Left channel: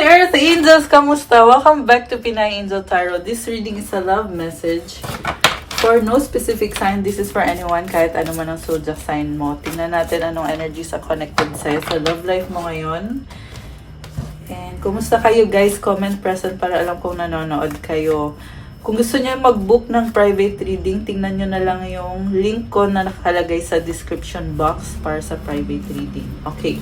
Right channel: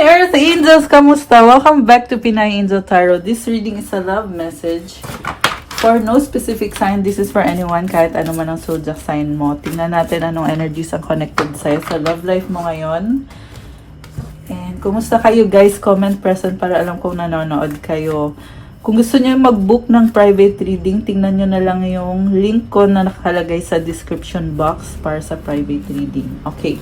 Earth Angels! Kamusta? Welcome back to Pinay Angel Tarot. This reading is a love message for no specific sign. This is for anyone, kahit ano man ang zodiac sign mo. Tingnan natin anong energies ang connected sa'yo sa love life mo ngayon. And kumusta kayo guys? Comment present para alam kung nanonood kayo. Kung gusto niyo mag-book ng private reading, tingnan niyo na lang yung link ko na nakalagay sa description box para sa private reading. Okay.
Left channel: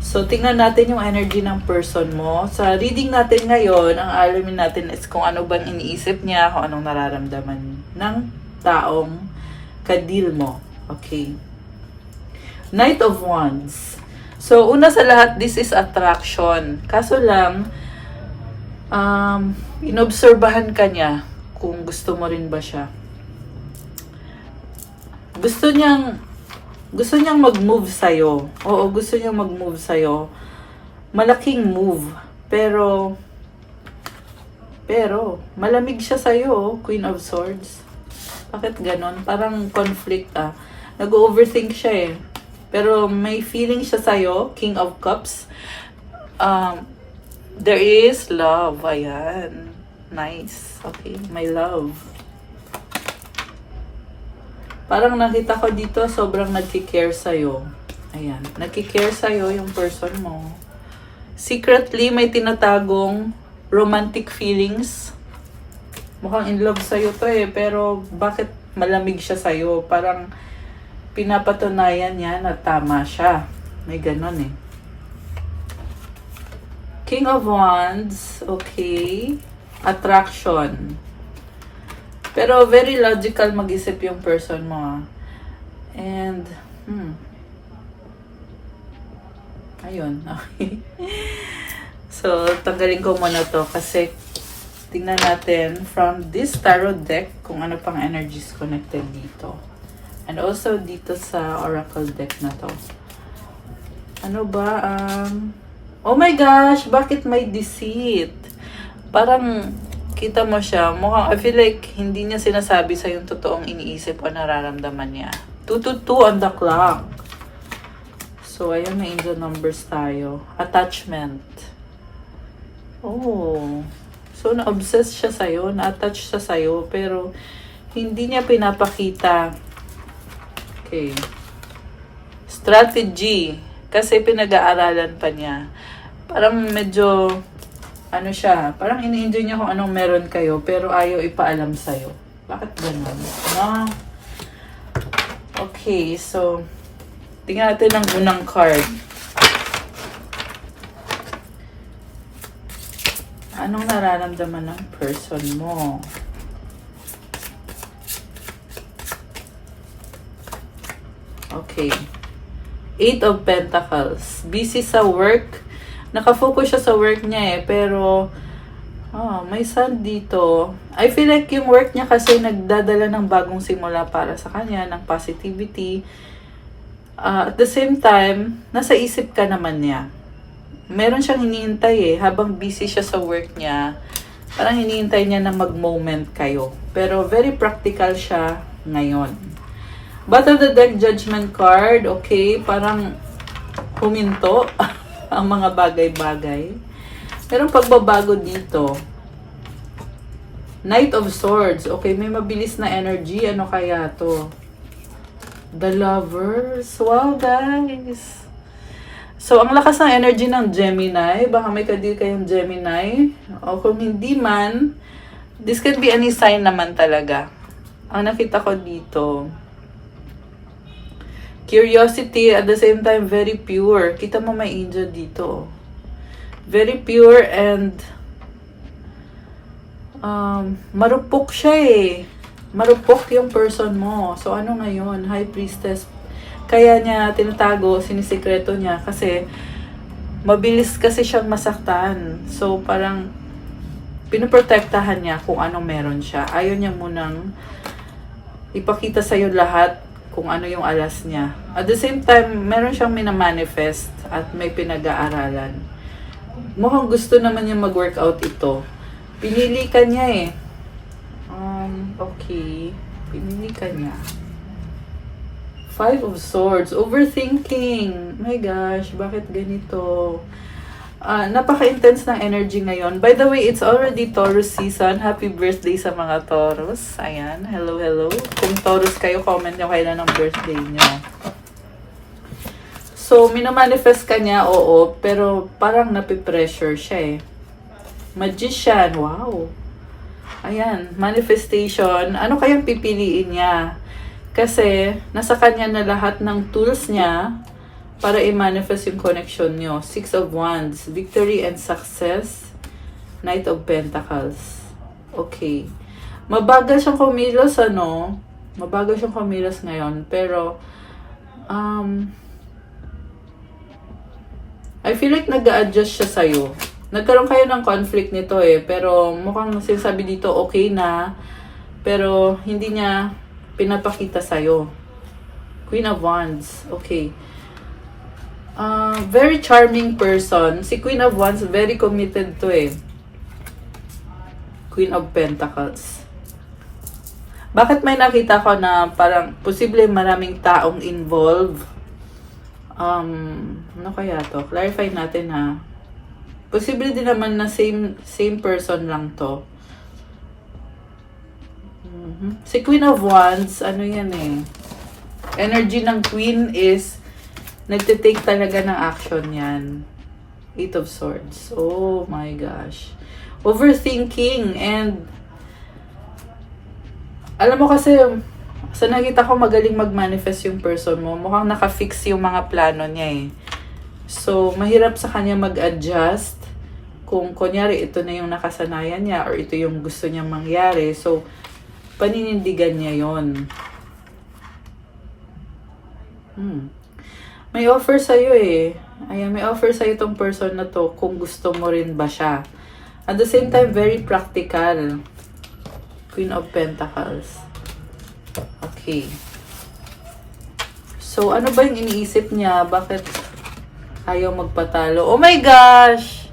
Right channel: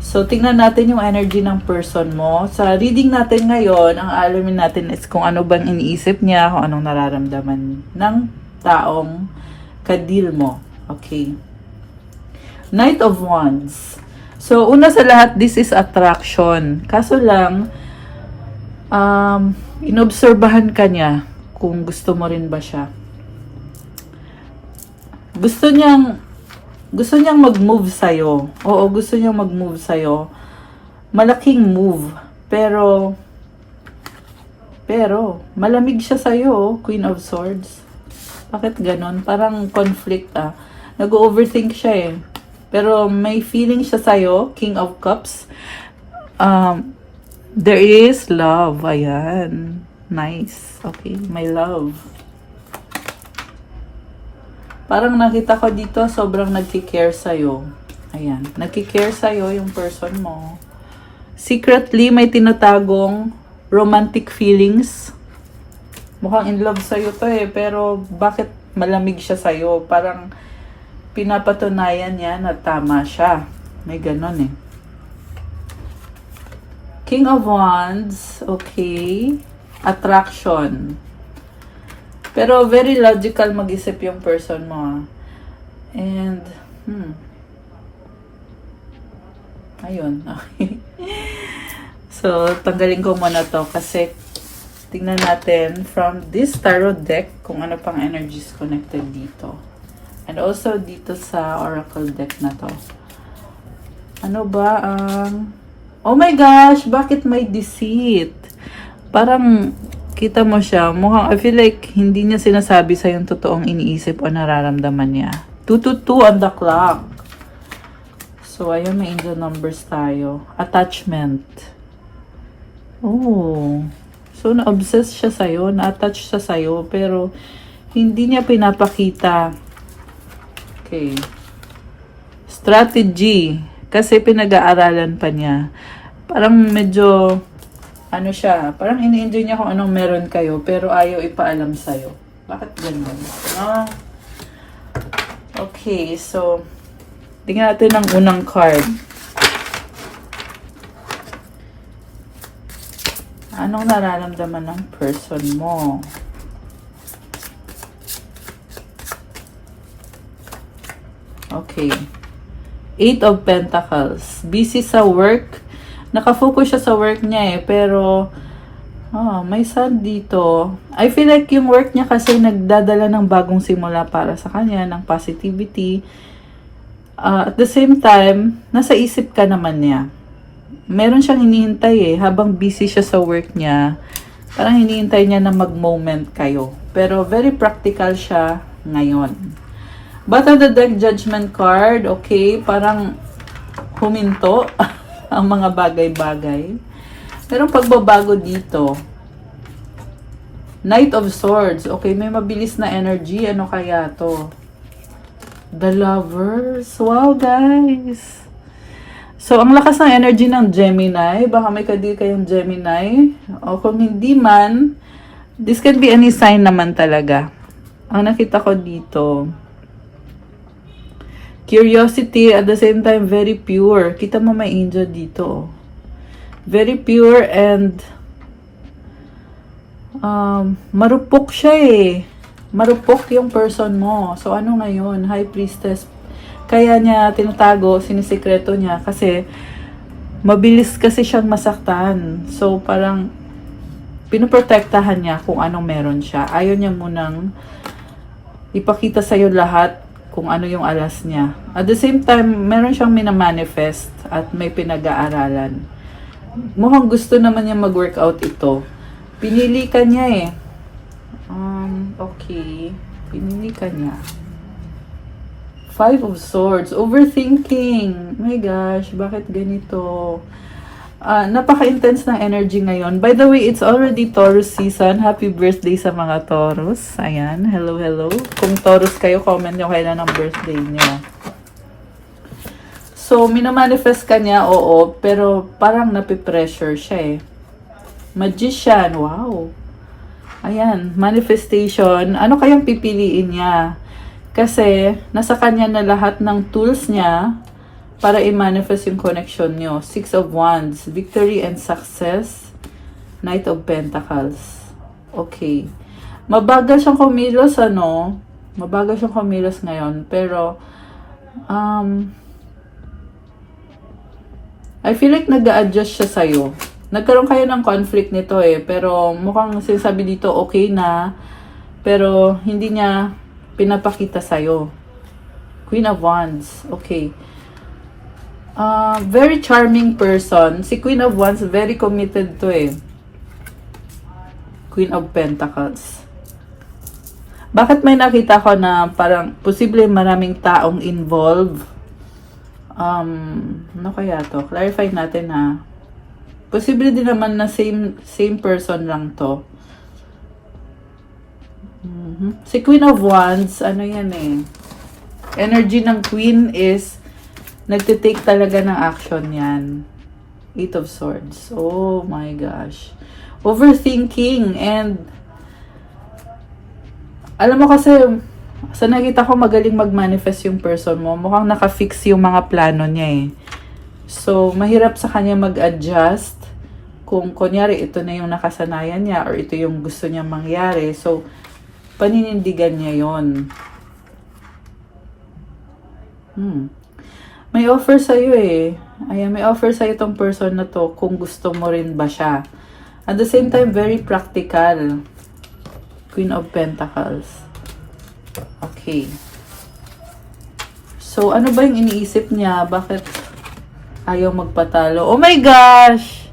So, tingnan natin yung energy ng person mo. Sa reading natin ngayon, ang alamin natin is kung ano bang iniisip niya, kung anong nararamdaman ng taong kadil mo. Okay. Knight of Wands. So, una sa lahat, this is attraction. Kaso lang, inobserbahan ka niya kung gusto mo rin ba siya. Gusto niyang mag-move sa'yo. Oo, gusto niyang mag-move sa'yo. Malaking move. Pero, malamig siya sa'yo, Queen of Swords. Bakit ganon? Parang conflict Nag-overthink siya eh. Pero may feeling siya sa'yo, King of Cups. There is love. Ayan. Nice. Okay, my love. Parang nakita ko dito, sobrang nagki-care sa'yo. Ayan. Nagki-care sa'yo yung person mo. Secretly, may tinatagong romantic feelings. Mukhang in love sa'yo to eh. Pero, bakit malamig siya sa'yo? Parang, pinapatunayan niya na tama siya. May ganon eh. King of Wands. Okay. Attraction. Pero very logical mag-isip yung person mo. And, ayun. Okay. So, tanggalin ko muna to kasi tingnan natin from this tarot deck kung ano pang energies connected dito. And also dito sa oracle deck na to. Ano ba ang... oh my gosh! Bakit may deceit? Parang... kita mo siya, mukhang, I feel like, hindi niya sinasabi sa yung totoong iniisip o nararamdaman niya. 222 on the clock. So, ayun na angel numbers tayo. Attachment. Oh. So, na-obsess siya sa'yo, na-attach siya sa'yo, pero, hindi niya pinapakita. Okay. Strategy. Kasi pinag-aaralan pa niya. Parang medyo... ano siya, parang ini-enjoy niya kung anong meron kayo, pero ayaw ipaalam sa'yo. Bakit ganun? No? Okay, so, tingnan natin ang unang card. Anong nararamdaman ng person mo? Okay. 8 of Pentacles. Busy sa work. Nakafocus siya sa work niya eh, pero may sun dito. I feel like yung work niya kasi nagdadala ng bagong simula para sa kanya, ng positivity. At the same time, nasa isip ka naman niya. Meron siyang hinihintay eh, habang busy siya sa work niya. Parang hinihintay niya na mag-moment kayo. Pero very practical siya ngayon. Bottom of the deck, Judgment card. Okay, parang huminto. Ang mga bagay-bagay. Pero pagbabago dito. Knight of Swords. Okay, may mabilis na energy. Ano kaya to? The Lovers. Wow, guys. So, ang lakas ng energy ng Gemini. Baka may kadil kayong Gemini. O kung hindi man, this can be any sign naman talaga. Ang nakita ko dito, curiosity, at the same time, very pure. Kita mo may angel dito. Very pure and marupok siya eh. Marupok yung person mo. So, ano ngayon? High Priestess. Kaya niya tinatago, sinisikreto niya kasi mabilis kasi siyang masaktan. So, parang pinoprotektahan niya kung anong meron siya. Ayaw niya munang ipakita sa'yo lahat kung ano yung alas niya. At the same time, meron siyang minamanifest at may pinag-aaralan. Mukhang gusto naman niya mag-workout ito. Pinili ka niya eh. Okay. Pinili ka niya. 5 of Swords. Overthinking. My gosh, bakit ganito? Napaka-intense ng energy ngayon. By the way, it's already Taurus season. Happy birthday sa mga Taurus. Ayan, hello, hello. Kung Taurus kayo, comment nyo kailan ang birthday nyo. So, minamanifest ka niya, oo, pero parang napipressure siya eh. Magician, wow. Ayan, manifestation. Ano kayang pipiliin niya? Kasi, nasa kanya na lahat ng tools niya para i-manifest yung connection nyo. Six of Wands, victory and success. Knight of Pentacles. Okay. Mabagal siyang kumilos, ano? Mabagal siyang kumilos ngayon. Pero, I feel like nag-a-adjust siya sa'yo. Nagkaroon kayo ng conflict nito eh. Pero mukhang sinasabi dito okay na. Pero hindi niya pinapakita sa'yo. Queen of Wands. Okay. Very charming person. Si Queen of Wands, very committed to eh. Queen of Pentacles. Bakit may nakita ko na parang posible maraming taong involved? Ano kaya to? Clarify natin ha. Posible din naman na same person lang to. Si Queen of Wands, ano yan eh. Energy ng Queen is nagtitake talaga ng action yan. Eight of Swords. Oh my gosh. Overthinking and alam mo kasi sa nakita ko magaling mag-manifest yung person mo. Mukhang naka-fix yung mga plano niya eh. So, mahirap sa kanya mag-adjust kung kunyari ito na yung nakasanayan niya or ito yung gusto niya mangyari. So, paninindigan niya yon. May offer sa'yo eh. Ayan, may offer sa'yo itong person na to kung gusto mo rin ba siya. At the same time, very practical. Queen of Pentacles. Okay. So, ano ba yung iniisip niya? Bakit ayaw magpatalo? Oh my gosh!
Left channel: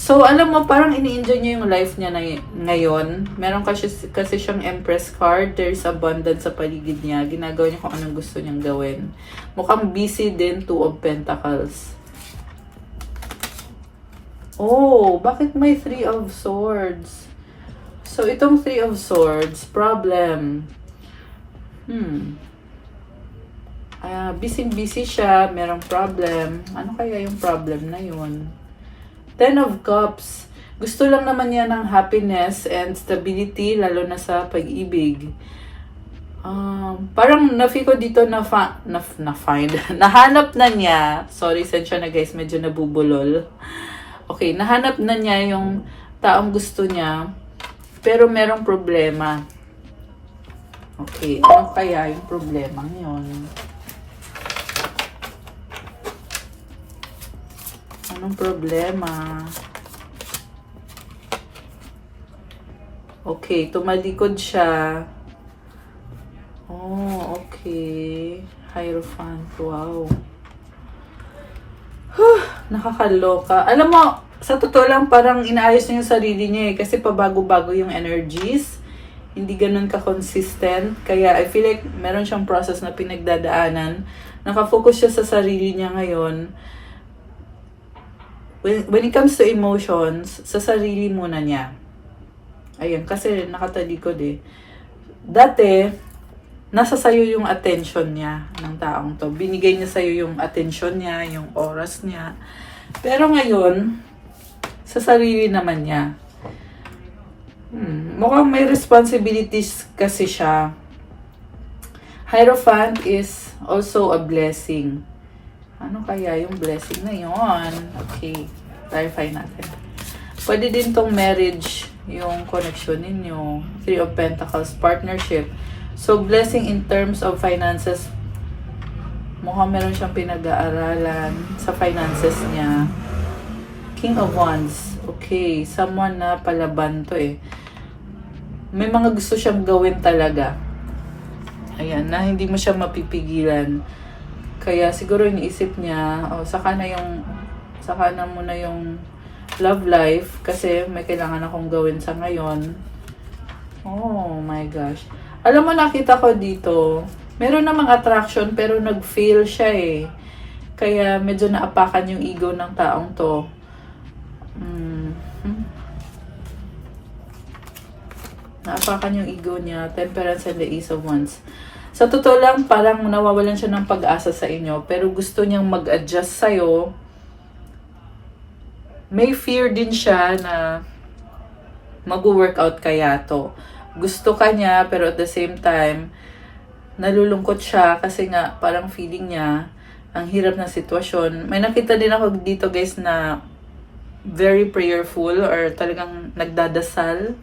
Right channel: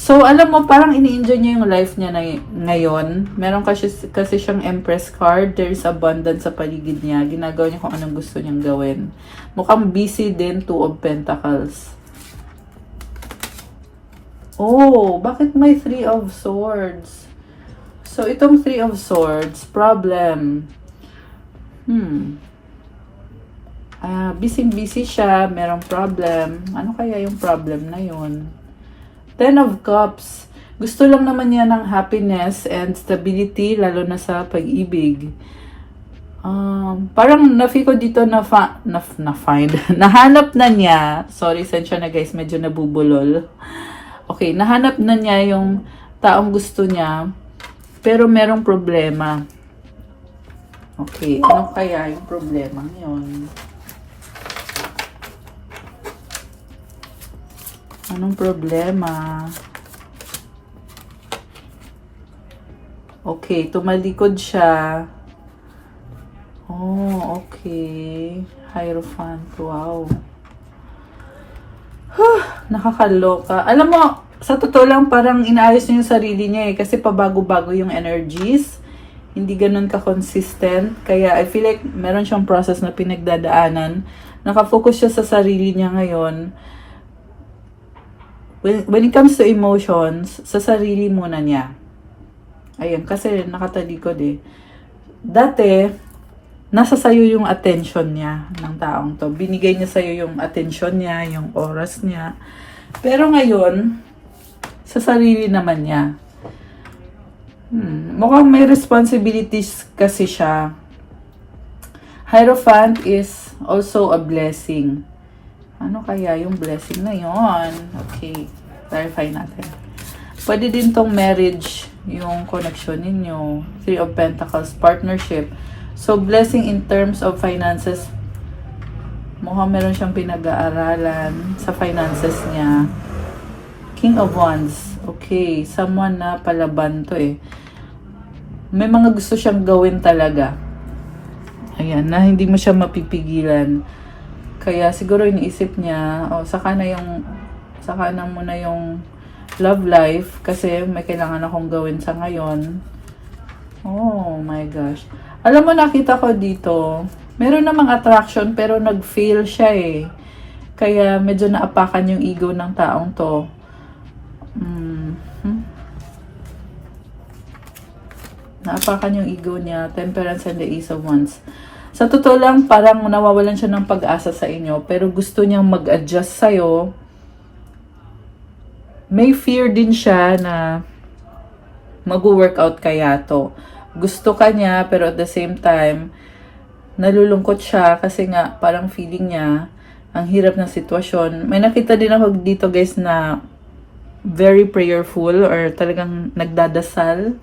So, alam mo, parang ini-enjoy niya yung life niya na ngayon. Meron kasi siyang Empress card. There's abundance sa paligid niya. Ginagawa niya kung anong gusto niyang gawin. Mukhang busy din, Two of Pentacles. Oh, bakit may Three of Swords? So, itong Three of Swords, problem. Busy siya, merong problem. Ano kaya yung problem na yun? Ten of Cups. Gusto lang naman niya ng happiness and stability, lalo na sa pag-ibig. Parang na-feel ko dito na-find. Nahanap na niya. Sorry, sensya na guys, medyo nabubulol. Okay, nahanap na niya yung taong gusto niya, pero merong problema. Okay, ano kaya yung problema yun? Anong problema? Okay, tumalikod siya. Oh, okay. Hierophant, wow. Nakakaloka. Alam mo, sa totoo lang parang inaayos niya yung sarili niya eh. Kasi pabago-bago yung energies. Hindi ganun ka-consistent. Kaya I feel like meron siyang process na pinagdadaanan. Nakafocus siya sa sarili niya ngayon. When it comes to emotions, sa sarili muna niya. Ayun, kasi nakatalikod eh. Dati, nasa sayo yung attention niya ng taong to. Binigay niya sa'yo yung attention niya, yung oras niya. Pero ngayon, sa sarili naman niya. Mukhang may responsibilities kasi siya. Hierophant is also a blessing. Ano kaya yung blessing na yon? Okay, clarify natin. Pwede din tong marriage, yung connection ninyo. Three of Pentacles, partnership. So, blessing in terms of finances. Mukhang meron siyang pinag-aaralan sa finances niya. King of Wands. Okay, someone na palaban to eh. May mga gusto siyang gawin talaga. Ayan, na hindi mo siya mapipigilan. Kaya siguro iniisip niya, saka na muna yung love life kasi may kailangan akong gawin sa ngayon. Oh my gosh. Alam mo, nakita ko dito, meron namang attraction pero nag-fail siya eh. Kaya medyo naapakan yung ego ng taong to. Mhm. Naapakan yung ego niya. Temperance and the Ace of Wands. Sa totoo lang, parang nawawalan siya ng pag-asa sa inyo. Pero gusto niyang mag-adjust sa'yo. May fear din siya na mag-workout kaya to. Gusto ka niya, pero at the same time, nalulungkot siya kasi nga parang feeling niya ang hirap ng sitwasyon. May nakita din ako dito guys na very prayerful or talagang nagdadasal.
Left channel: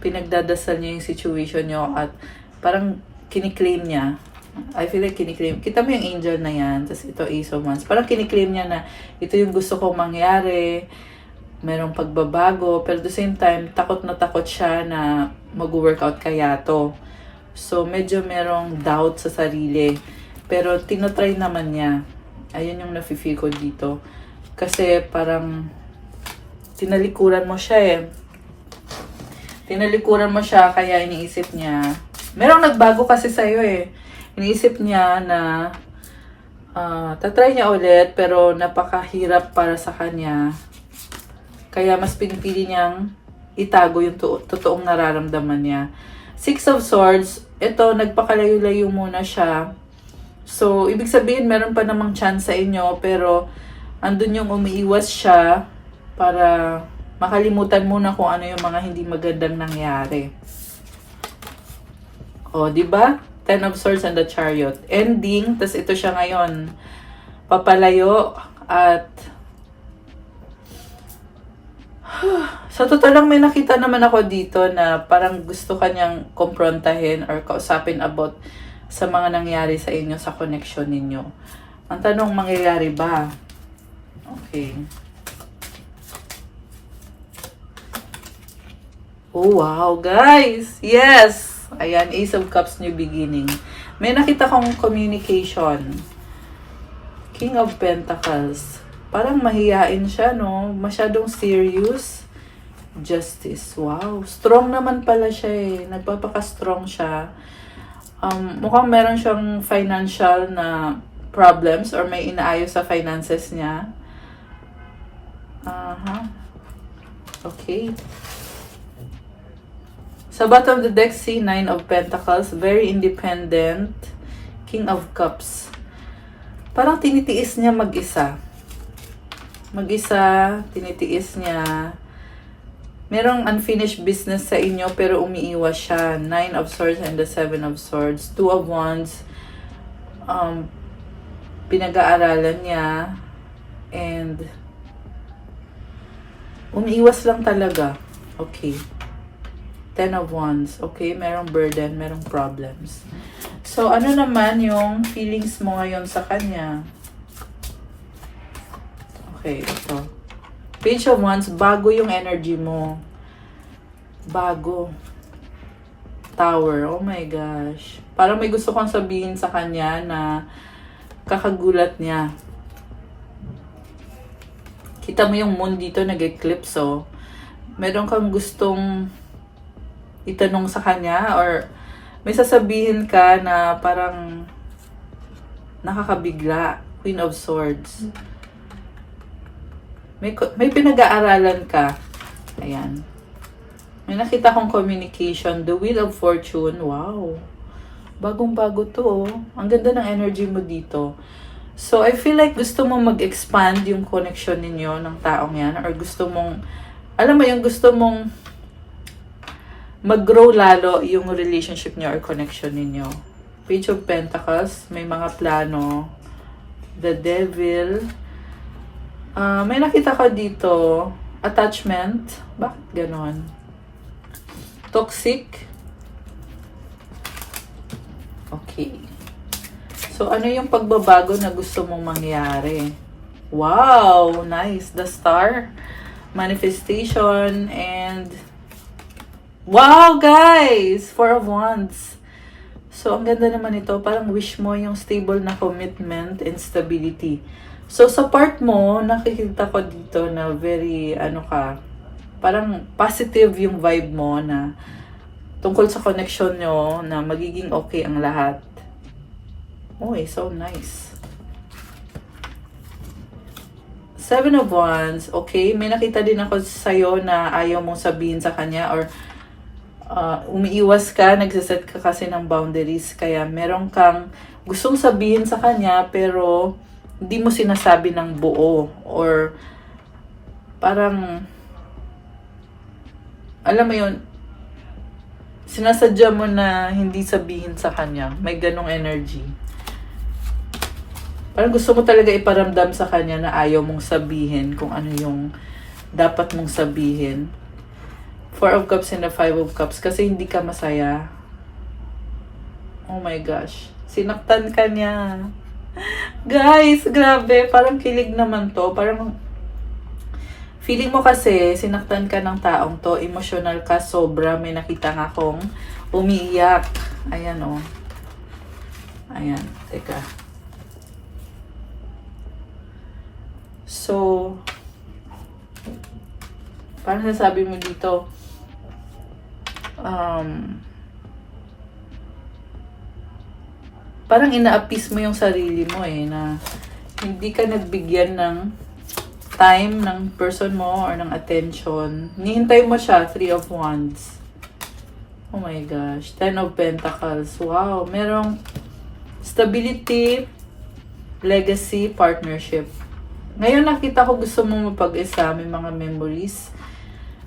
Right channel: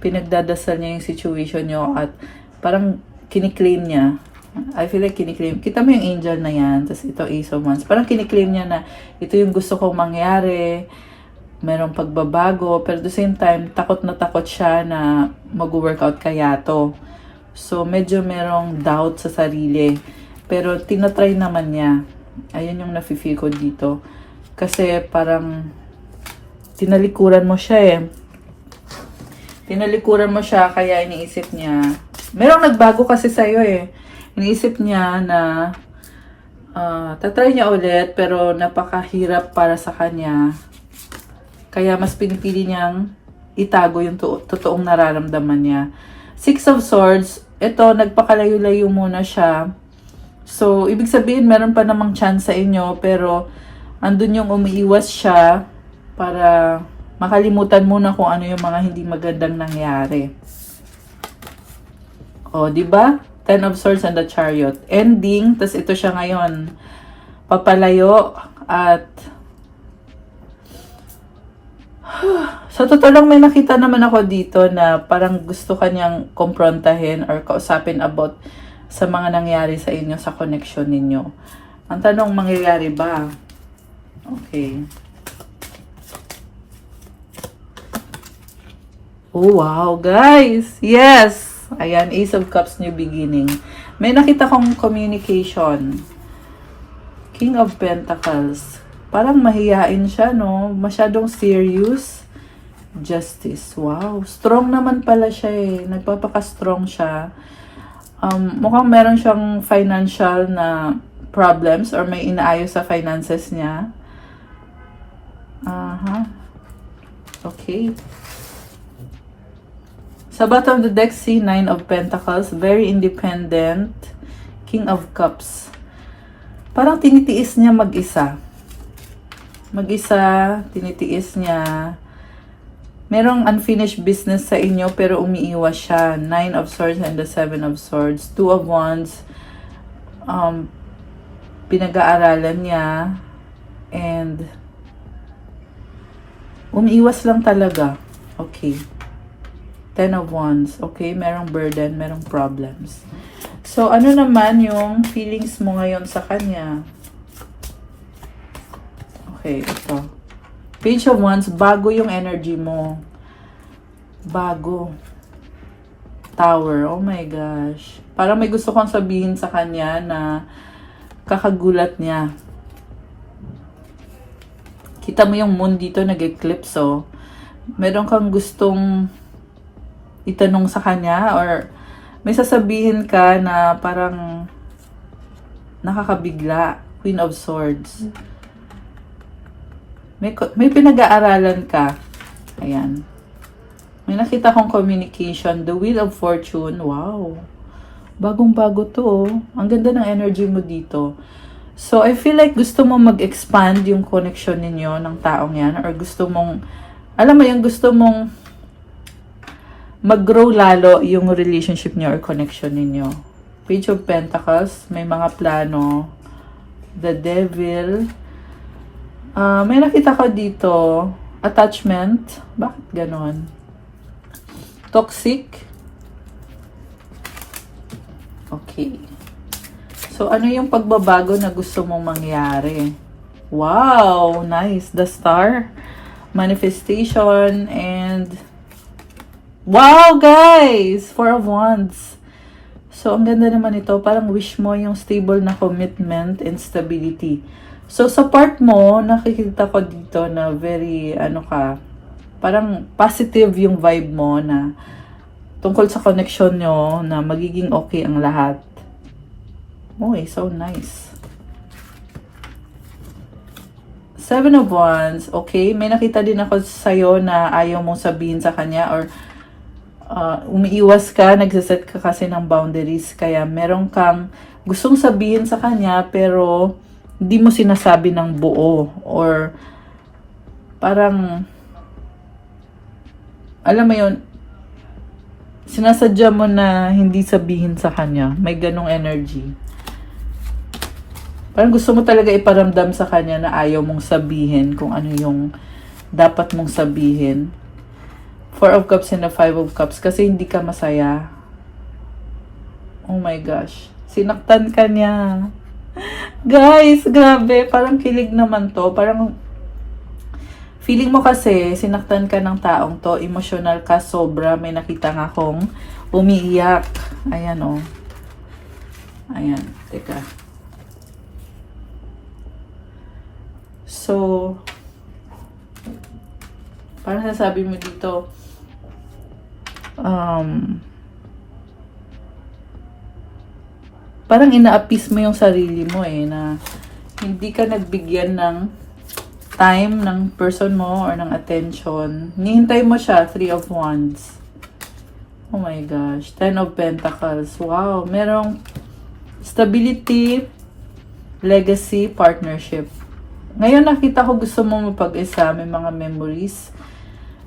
Pinagdadasal niya yung situation niyo at parang kiniklaim niya. I feel like kiniklaim. Kita mo yung angel na yan. Tapos ito Ace of Wands. Parang kiniklaim niya na ito yung gusto kong mangyari. Merong pagbabago. Pero at the same time, takot na takot siya na mag-workout kaya to. So, medyo merong doubt sa sarili. Pero tinatry naman niya. Ayun yung nafe-feel ko dito. Kasi parang tinalikuran mo siya eh. Tinalikuran mo siya kaya iniisip niya. Merong nagbago kasi sa'yo eh. Iniisip niya na tatry niya ulit pero napakahirap para sa kanya. Kaya mas pinipili niyang itago yung totoong nararamdaman niya. Six of Swords, ito, nagpakalayo-layo muna siya. So, ibig sabihin, meron pa namang chance sa inyo, pero andun yung umiiwas siya para makalimutan muna kung ano yung mga hindi magandang nangyari. O, di ba? Ten of Swords and the Chariot. Ending, tas ito siya ngayon. Papalayo at sa totoo lang may nakita naman ako dito na parang gusto kanyang komprontahin or kausapin about sa mga nangyari sa inyo, sa connection ninyo. Ang tanong, mangyayari ba? Okay. Oh, wow, guys! Yes! Ayan, Ace of Cups, new beginning. May nakita kong communication. King of Pentacles. Parang mahihain siya, no? Masyadong serious. Justice. Wow. Strong naman pala siya eh. Nagpapaka-strong siya. Mukhang meron siyang financial na problems or may inaayos sa finances niya. Okay. Sa bottom of the deck, C9 of Pentacles. Very independent. King of Cups. Parang tinitiis niya mag-isa. Tinitiis niya. Merong unfinished business sa inyo pero umiiwas siya. Nine of Swords and the Seven of Swords. Two of Wands. Pinag-aaralan niya. And umiiwas lang talaga. Okay. Ten of Wands. Okay, merong burden, merong problems. So, ano naman yung feelings mo ngayon sa kanya? Okay, ito. Page of Wands, bago yung energy mo. Bago. Tower, oh my gosh. Parang may gusto kong sabihin sa kanya na kakagulat niya. Kita mo yung moon dito, nag-eclipse, oh. Meron kang gustong itanong sa kanya or may sasabihin ka na parang nakakabigla. Queen of Swords. May pinag-aaralan ka. Ayan. May nakita kong communication. The Wheel of Fortune. Wow. Bagong-bago to. Oh. Ang ganda ng energy mo dito. So, I feel like gusto mo mag-expand yung connection ninyo ng taong yan. Or gusto mong, alam mo yung gusto mong mag-grow lalo yung relationship niyo or connection ninyo. Page of Pentacles. May mga plano. The Devil. May nakita ko dito, attachment. Bakit ganon? Toxic. Okay. So, ano yung pagbabago na gusto mong mangyari? Wow! Nice. The Star. Manifestation. And wow, guys! Four of Wands. So, ang ganda naman ito. Parang wish mo yung stable na commitment and stability. So, sa part mo, nakikita ko dito na very, parang positive yung vibe mo na tungkol sa connection nyo na magiging okay ang lahat. Oh, so nice. Seven of Wands, okay? May nakita din ako sa'yo na ayaw mong sabihin sa kanya or umiiwas ka, nagsaset ka kasi ng boundaries. Kaya meron kang gustong sabihin sa kanya pero hindi mo sinasabi ng buo or parang alam mo yun, sinasadya mo na hindi sabihin sa kanya. May ganong energy. Parang gusto mo talaga iparamdam sa kanya na ayaw mong sabihin kung ano yung dapat mong sabihin. Four of Cups and a Five of Cups kasi hindi ka masaya. Oh my gosh. Sinaktan ka niya. Guys, grabe. Parang kilig naman to. Parang feeling mo kasi sinaktan ka ng taong to. Emotional ka sobra. May nakita nga akong umiiyak. Ayan oh. Ayan. Teka. So, parang nasabi mo dito, parang ina-appease mo yung sarili mo na hindi ka nagbigyan ng time ng person mo or ng attention. Nihintay mo siya, Three of Wands. Oh my gosh, Ten of Pentacles. Wow, merong stability, legacy, partnership. Ngayon nakita ko gusto mo mapag-isa, may mga memories.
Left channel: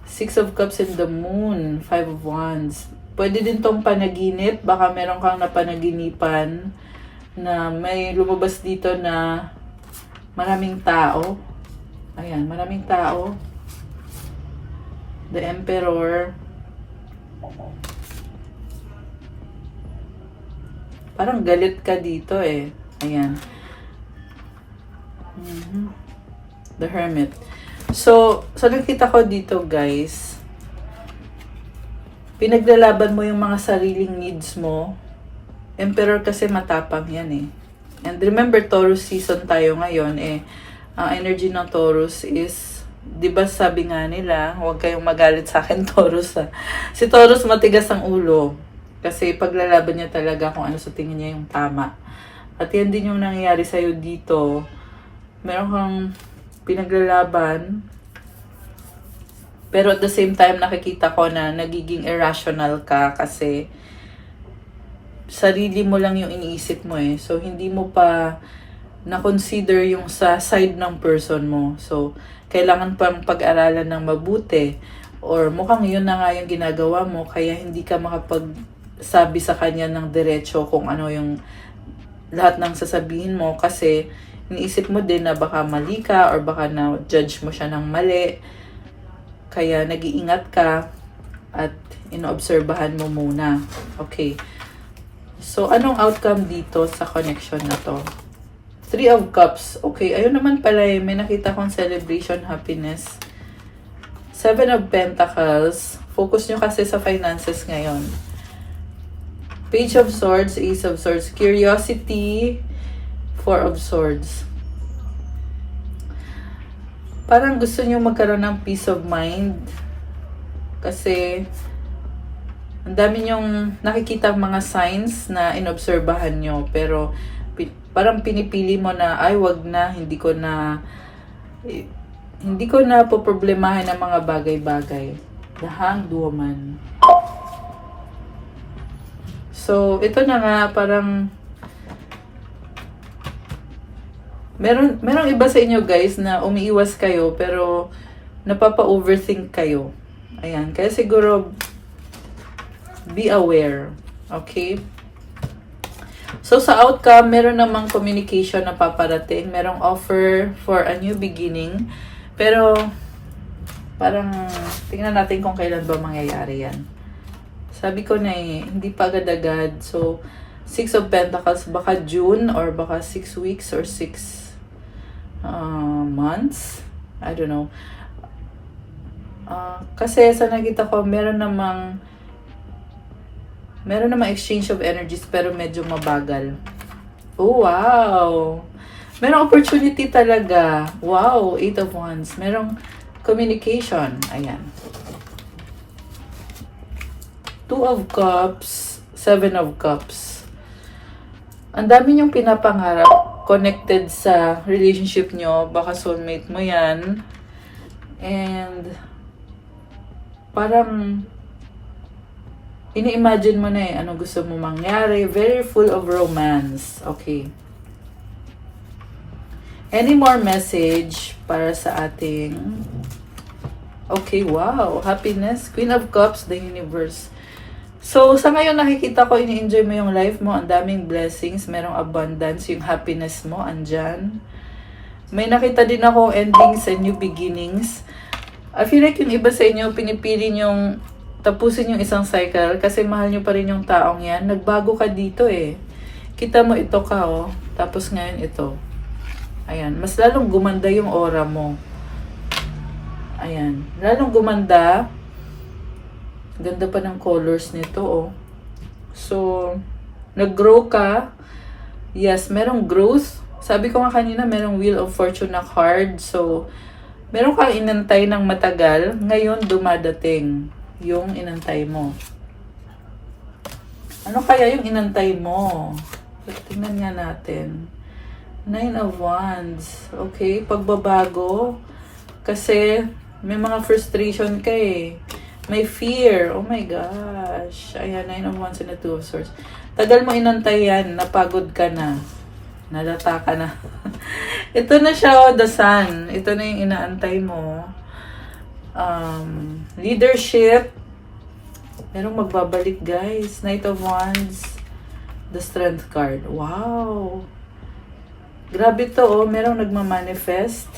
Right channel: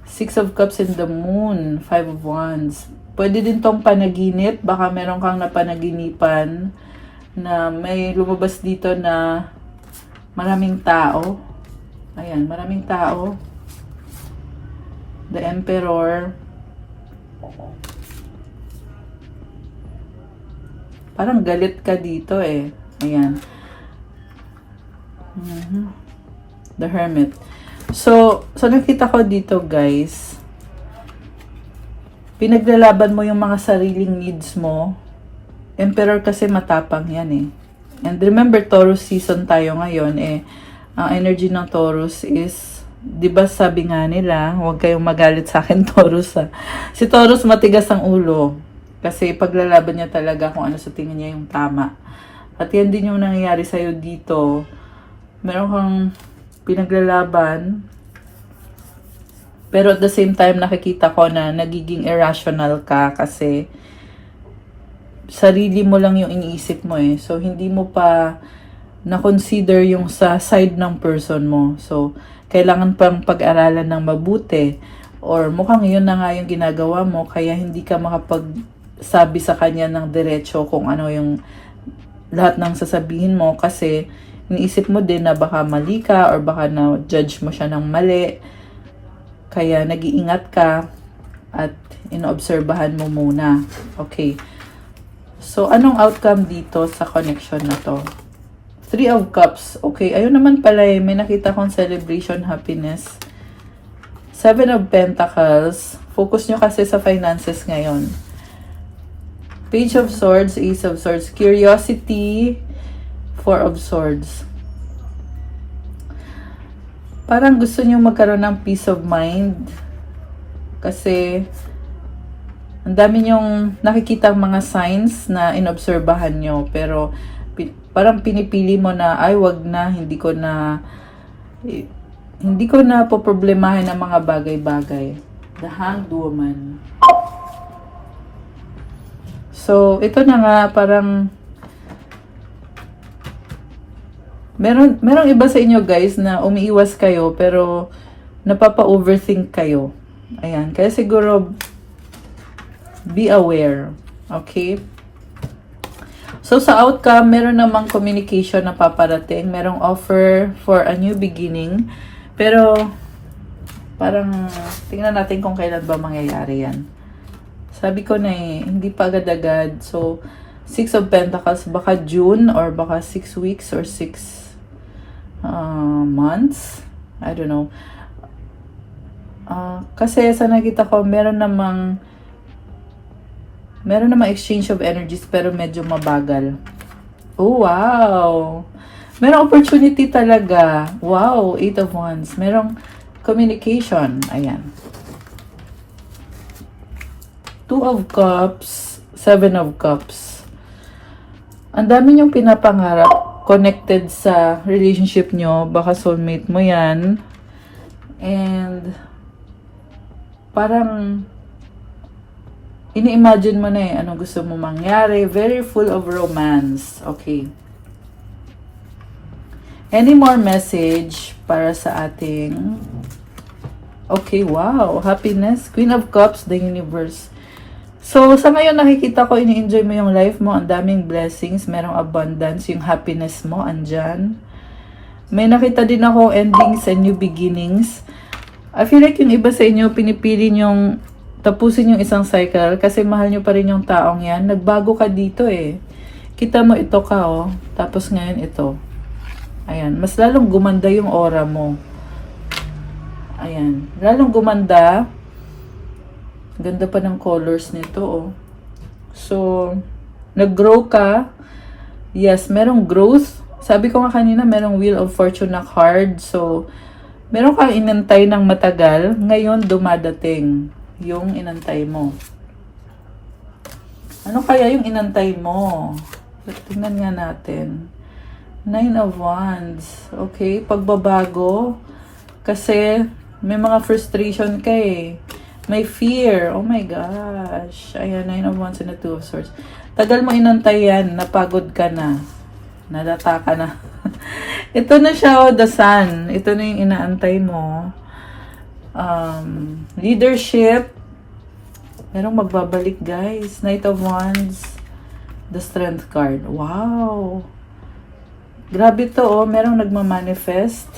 Six of Cups and the Moon, Five of Wands. Pwede din tong panaginip, baka meron kang napanaginipan na may lumabas dito na maraming tao. Ayan, maraming tao. The Emperor. Parang galit ka dito Ayan. The Hermit. So nakita ko dito guys, pinaglalaban mo yung mga sariling needs mo. Emperor kasi matapang yan And remember, Taurus season tayo ngayon ang energy ng Taurus is, di ba sabi nga nila, huwag kayong magalit sa akin Taurus Si Taurus matigas ang ulo. Kasi paglalaban niya talaga kung ano sa tingin niya yung tama. At yan din yung nangyayari sa'yo dito. Meron kang pinaglalaban, pero at the same time nakikita ko na nagiging irrational ka kasi sarili mo lang yung iniisip mo So hindi mo pa na-consider yung sa side ng person mo. So kailangan pang pag-aralan ng mabuti or mukhang yun na nga yung ginagawa mo kaya hindi ka makapagsabi sa kanya ng diretso kung ano yung lahat ng sasabihin mo kasi iniisip mo din na baka mali ka or baka na-judge mo siya ng mali. Kaya nag-iingat ka at inoobserbahan mo muna. Okay. So, anong outcome dito sa connection na to? Three of Cups. Okay, ayun naman pala may nakita kong celebration, happiness. Seven of Pentacles. Focus nyo kasi sa finances ngayon. Page of Swords, Ace of Swords. Curiosity, Four of Swords. Parang gusto nyo magkaroon ng peace of mind. Kasi ang dami nyong nakikita mga signs na inobserbahan nyo. Pero parang pinipili mo na, ay wag na, hindi ko na poproblemahin ang mga bagay-bagay. The Hanged Woman. So, ito na nga, parang merong iba sa inyo guys na umiiwas kayo pero napapa-overthink kayo. Ayan. Kaya siguro be aware. Okay? So sa outcome, meron namang communication na paparating. Merong offer for a new beginning. Pero parang tingnan natin kung kailan ba mangyayari yan. Sabi ko na hindi pa agad-agad. So Six of Pentacles, baka June or baka 6 weeks or 6 months. I don't know. Kasi sa nakita ko, meron namang exchange of energies pero medyo mabagal. Oh, wow! Merong opportunity talaga. Wow, Eight of Wands. Merong communication. Ayan. Two of Cups, Seven of Cups. Ang dami niyong pinapangarap. connected sa relationship nyo. Baka soulmate mo yan. And parang ini-imagine mo na ano gusto mo mangyari. Very full of romance. Okay. Any more message para sa ating... Okay, wow. Happiness. Queen of Cups, the universe. So, sa ngayon nakikita ko, ini-enjoy mo yung life mo. Ang daming blessings. Merong abundance. Yung happiness mo, andyan. May nakita din ako, endings and new beginnings. I feel like yung iba sa inyo, pinipili yung tapusin yung isang cycle kasi mahal nyo pa rin yung taong yan. Nagbago ka dito eh. Kita mo ito ka oh. Tapos ngayon ito. Ayan. Mas lalong gumanda yung aura mo. Ayan. Lalong gumanda. Ganda pa ng colors nito oh. So, nag-grow ka. Yes, merong growth. Sabi ko nga kanina, merong Wheel of Fortune na card. So, meron kang inantay ng matagal. Ngayon, dumadating yung inantay mo. Ano kaya yung inantay mo? Tingnan nga natin. 9 of Wands. Okay, pagbabago. Kasi may mga frustration ka eh. May fear. Oh my gosh. Ayan, 9 of Wands and the 2 of Swords. Tagal mo inantay yan. Napagod ka na. Nalata ka na. Ito na siya, oh, the Sun. Ito na yung inaantay mo. Leadership. Merong magbabalik, guys. Knight of Wands. The Strength card. Wow. Grabe to, oh. Merong nagmamanifest.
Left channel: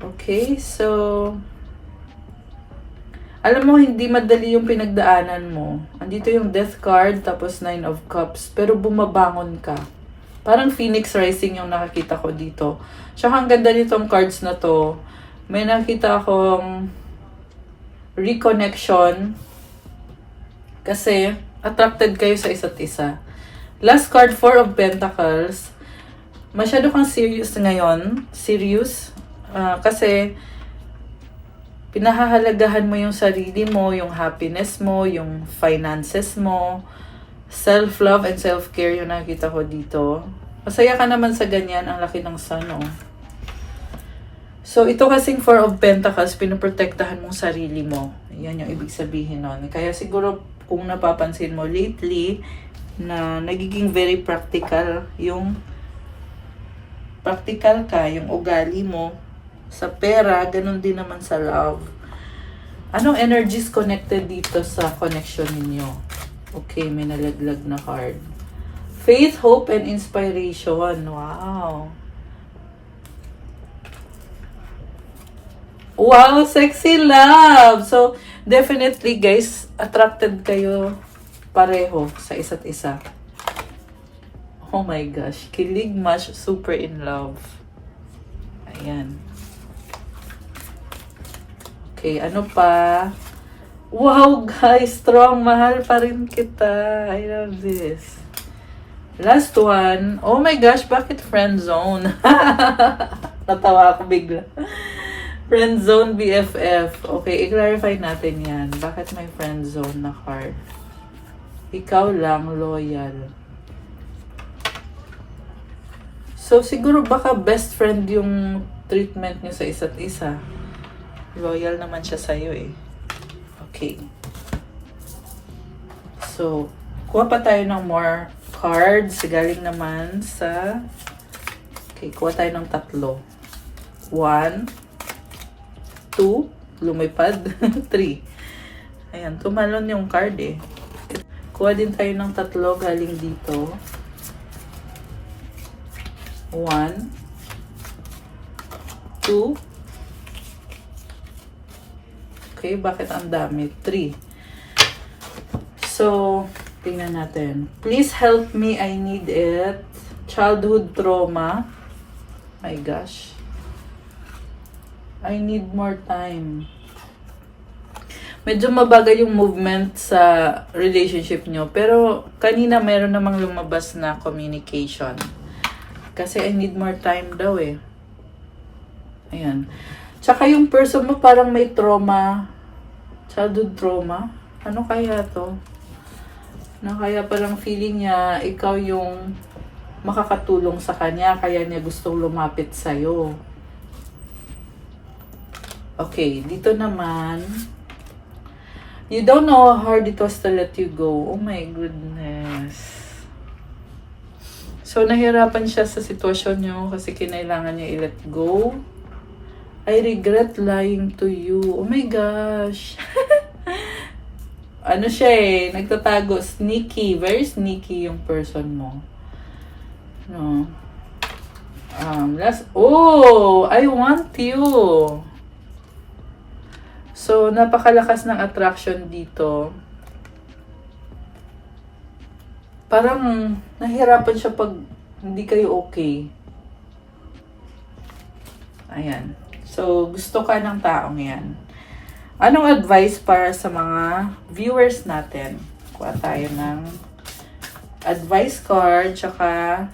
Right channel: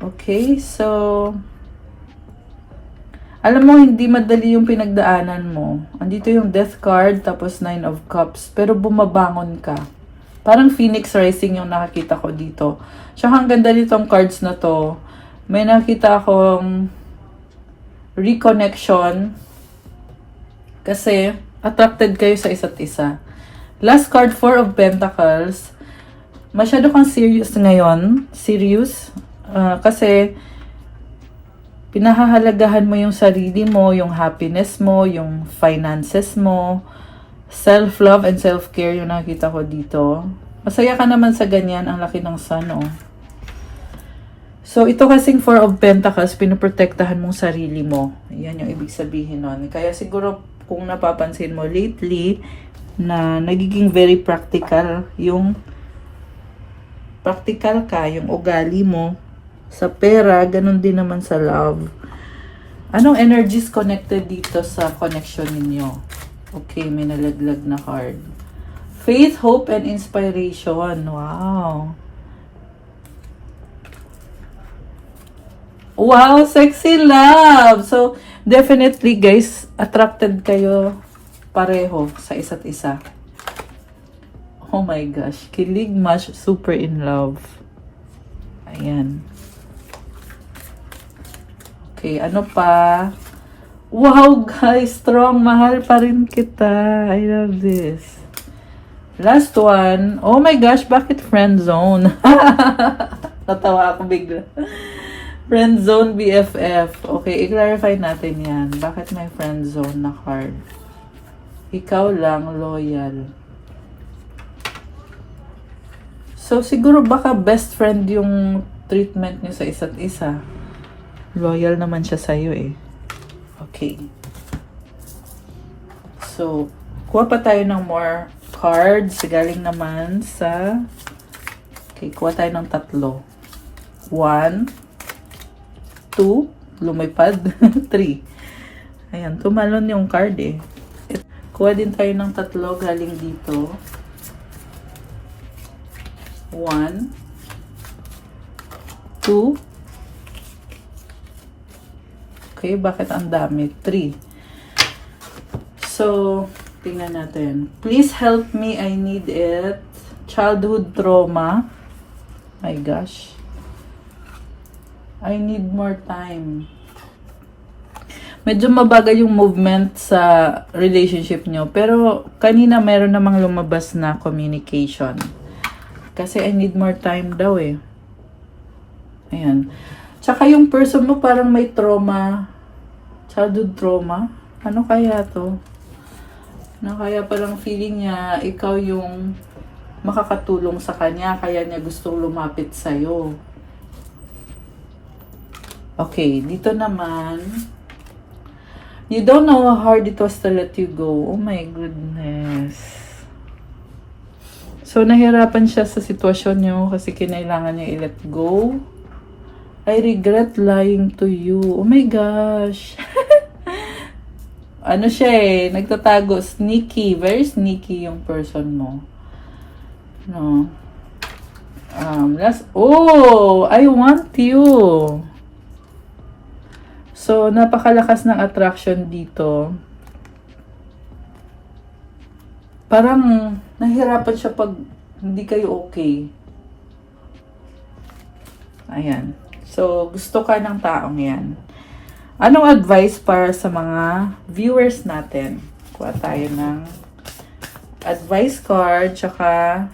Okay, so... Alam mo, hindi madali yung pinagdaanan mo. Andito yung Death card, tapos 9 of Cups. Pero bumabangon ka. Parang Phoenix Rising yung nakakita ko dito. So, ang ganda nitong cards na to. May nakita akong reconnection kasi attracted kayo sa isa't isa. Last card, 4 of Pentacles. Masyado kang serious ngayon. Serious. Kasi pinahahalagahan mo yung sarili mo, yung happiness mo, yung finances mo, self-love and self-care yung nakita ko dito. Masaya ka naman sa ganyan. Ang laki ng sun, oh. So, ito kasing 4 of Pentacles, pinoprotektahan mong sarili mo. Yan yung ibig sabihin nun. Kaya siguro, kung napapansin mo lately, na nagiging very practical yung practical ka, yung ugali mo sa pera, ganun din naman sa love. Anong energies connected dito sa connection ninyo? Okay, may nalaglag na card. Faith, hope, and inspiration. Wow. Wow, sexy love! So, definitely guys, attracted kayo pareho sa isa't isa. Oh my gosh, kilig, match, super in love. Ayan. Okay, ano pa? Wow guys, strong, mahal pa rin kita. I love this. Last one. Oh my gosh, bakit friend zone? Natawa ako bigla. Friend zone BFF. Okay, i-clarify natin yan. Bakit may friend zone na card? Ikaw lang, loyal. So, siguro baka best friend yung treatment niyo sa isa't isa. Loyal naman siya sa'yo eh. Okay. So, kuha pa tayo ng more cards. Galing naman sa... Okay, kuha tayo ng 3. 1, 2, lumipad, 3. Ayan, tumalon yung card eh. Kuha din tayo ng 3 galing dito. 1, 2. Okay, bakit ang dami? 3. So, tingnan natin. Please help me, I need it. Childhood trauma. My gosh. I need more time. Medyo mabagal yung movement sa relationship nyo. Pero kanina meron namang lumabas na communication. Kasi I need more time daw eh. Ayan. Tsaka yung person mo parang may trauma. Childhood trauma. Ano kaya to? Ano kaya parang feeling niya ikaw yung makakatulong sa kanya, kaya niya gustong lumapit sa'yo. Okay, dito naman, you don't know how hard it was to let you go. Oh my goodness. So, nahirapan siya sa sitwasyon niyo kasi kinailangan niya i-let go. I regret lying to you. Oh my gosh. Ano siya eh, nagtatago, sneaky, very sneaky yung person mo. No. I want you. So, napakalakas ng attraction dito. Parang nahihirapan siya pag hindi kayo okay. Ayan. So, gusto ka ng taong yan. Anong advice para sa mga viewers natin? Kuha tayo ng advice card, tsaka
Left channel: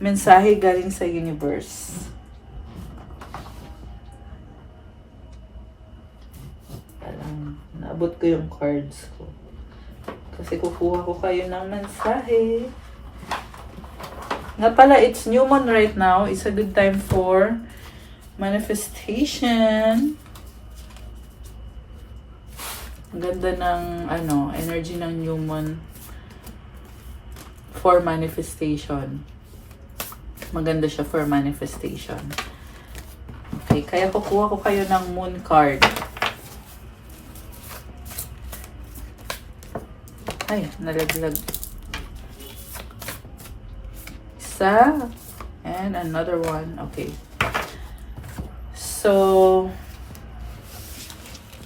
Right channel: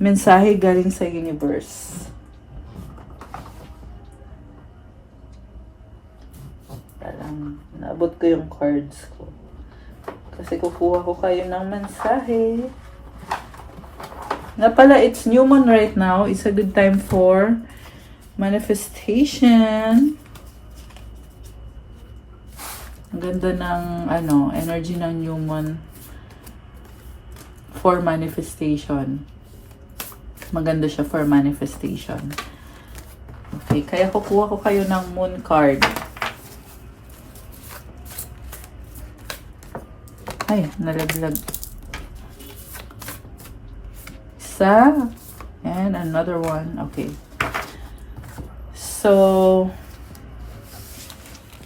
mensahe galing sa universe. Parang naabot ko yung cards ko. Kasi kukuha ko kayo ng mensahe. Nga pala, it's new moon right now. It's a good time for manifestation. Ang ganda ng energy ng new moon for manifestation. Maganda siya for manifestation. Okay, kaya kukuha ko kayo ng moon card. Ay, nalaglag. Isa. And another one. Okay. So,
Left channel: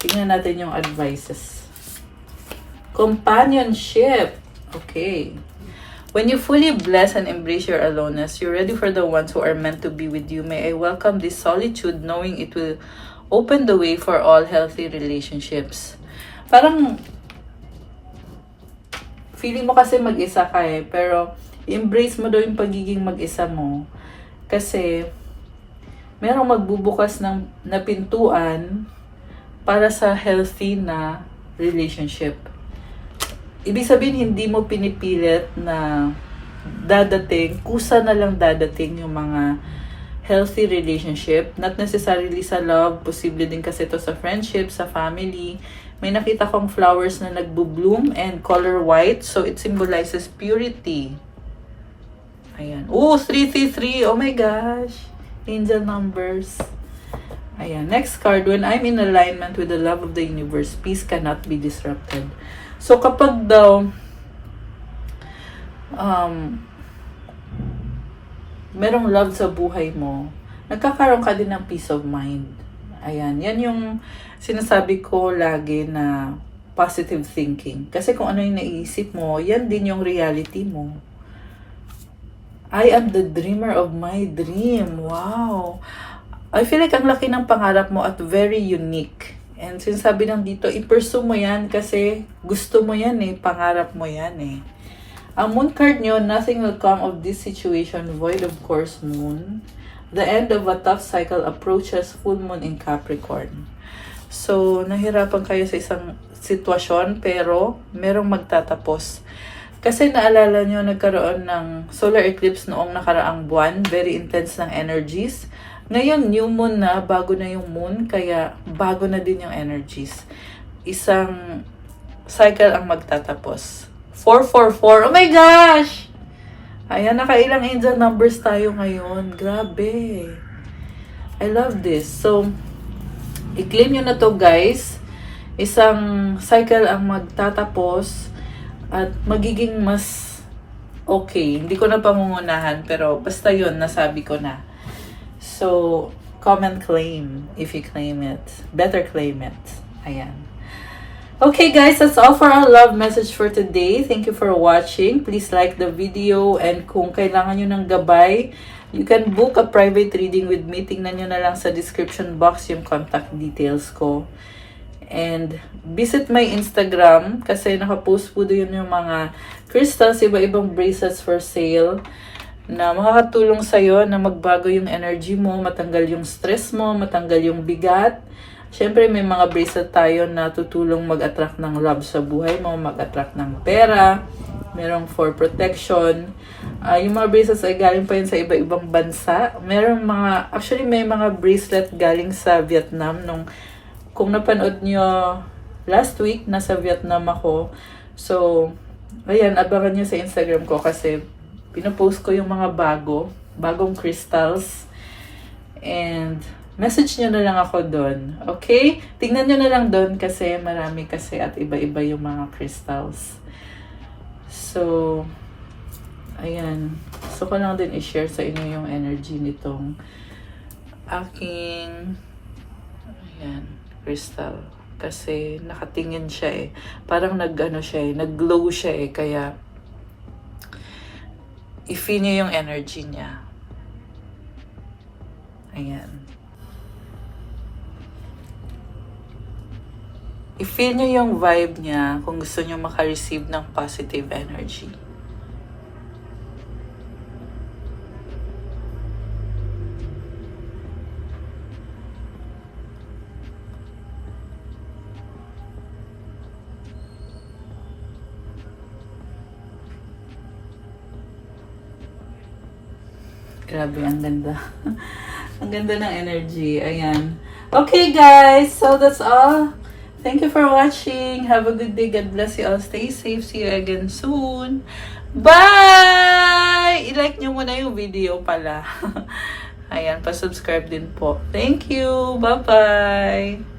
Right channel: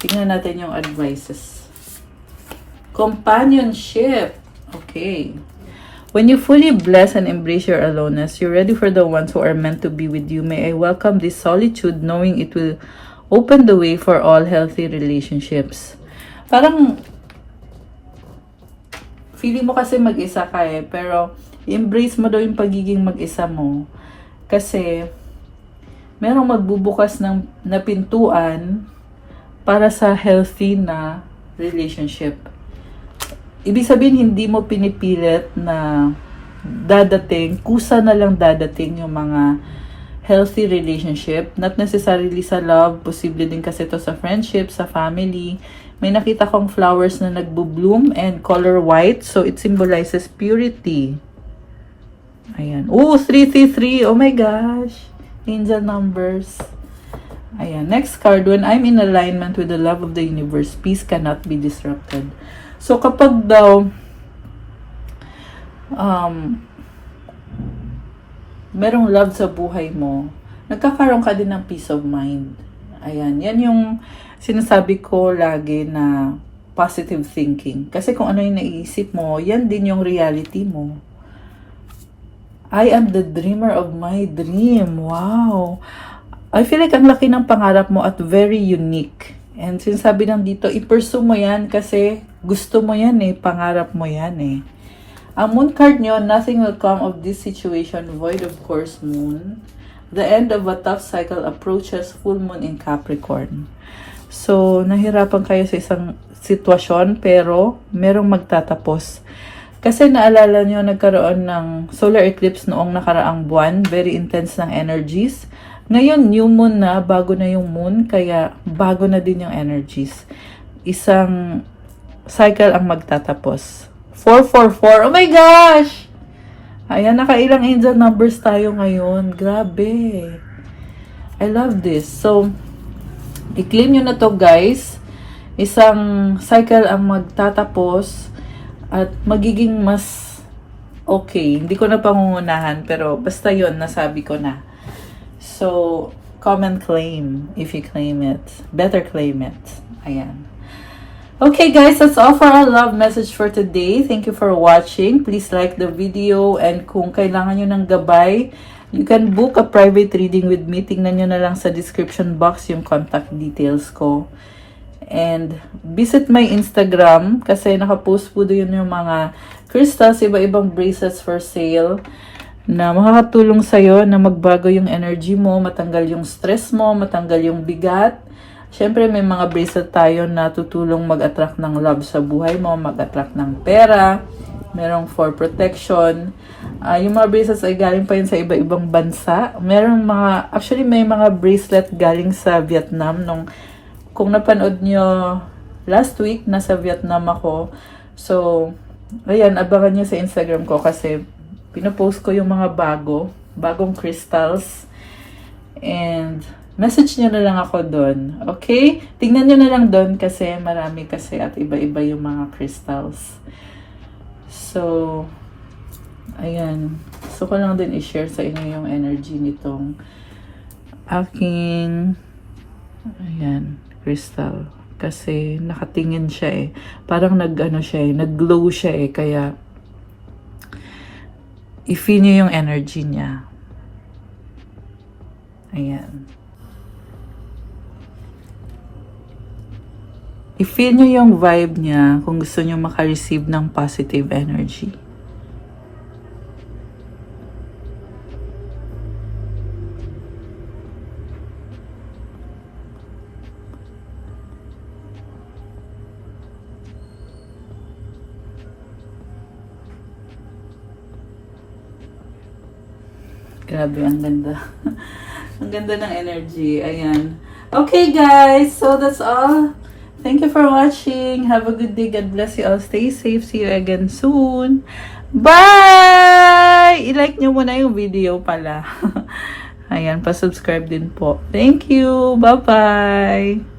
tingnan natin yung advices. Companionship. Okay. When you fully bless and embrace your aloneness, you're ready for the ones who are meant to be with you. May I welcome this solitude, knowing it will open the way for all healthy relationships. Parang, feeling mo kasi mag-isa ka eh, pero embrace mo daw yung pagiging mag-isa mo. Kasi, merong magbubukas na pintuan para sa healthy na relationship. Ibig sabihin, hindi mo pinipilit na dadating, kusa na lang dadating yung mga healthy relationship. Not necessarily sa love, posible din kasi to sa friendship, sa family. May nakita kong flowers na nagbo-bloom and color white, so it symbolizes purity. Ayan. Oh, 333. Oh my gosh. Angel numbers. Ayan. Next card. When I'm in alignment with the love of the universe, peace cannot be disrupted. So, kapag daw merong love sa buhay mo, nagkakaroon ka din ng peace of mind. Ayan. Yan yung sinasabi ko lagi na positive thinking. Kasi kung ano yung naiisip mo, yan din yung reality mo. I am the dreamer of my dream. Wow. I feel like ang laki ng pangarap mo at very unique. And sinasabi lang dito, i-pursue mo yan kasi gusto mo yan eh, pangarap mo yan eh. Ang moon card nyo, nothing will come of this situation void of course moon. The end of a tough cycle approaches full moon in Capricorn. So, nahirapan kayo sa isang sitwasyon pero merong magtatapos. Kasi naalala nyo, nagkaroon ng solar eclipse noong nakaraang buwan. Very intense ng energies. Ngayon, new moon na, bago na yung moon, kaya bago na din yung energies. Isang cycle ang magtatapos. 444. Oh my gosh! Ayan, nakailang angel numbers tayo ngayon. Grabe. I love this. So, i-claim nyo na to guys. Isang cycle ang magtatapos at magiging mas okay. Hindi ko na pangungunahan, pero basta yun, nasabi ko na. So, comment claim if you claim it. Better claim it. Ayan. Okay guys, that's all for our love message for today. Thank you for watching. Please like the video, and kung kailangan nyo ng gabay, you can book a private reading with me. Tingnan nyo na lang sa description box yung contact details ko. And visit my Instagram kasi nakapost po doon yung mga crystals, iba-ibang bracelets for sale na makakatulong sa'yo na magbago yung energy mo, matanggal yung stress mo, matanggal yung bigat. Syempre, may mga bracelet tayo na tutulong mag-attract ng love sa buhay mo, mag-attract ng pera, merong for protection. Yung mga bracelets ay galing pa yun sa iba-ibang bansa. Actually may mga bracelet galing sa Vietnam. Kung napanood nyo last week, nasa Vietnam ako. So, ayan, abangan nyo sa Instagram ko kasi pinopost ko yung mga bagong crystals. And message nyo na lang ako doon. Okay? Tingnan nyo na lang doon kasi marami kasi at iba-iba yung mga crystals. So, ayan. Gusto ko lang din i-share sa inyo yung energy nitong aking crystal. Kasi nakatingin siya eh. Parang nag-glow siya eh. Kaya, i-feel nyo yung energy niya. Ayan. I-feel nyo yung vibe niya kung gusto nyo makareceive ng positive energy. Grabe, ang ganda. Ang ganda ng energy. Ayan. Okay, guys. So, that's all. Thank you for watching. Have a good day. God bless you all. Stay safe. See you again soon. Bye! I-like nyo muna yung video pala. Ayan, pa-subscribe din po. Thank you. Bye-bye!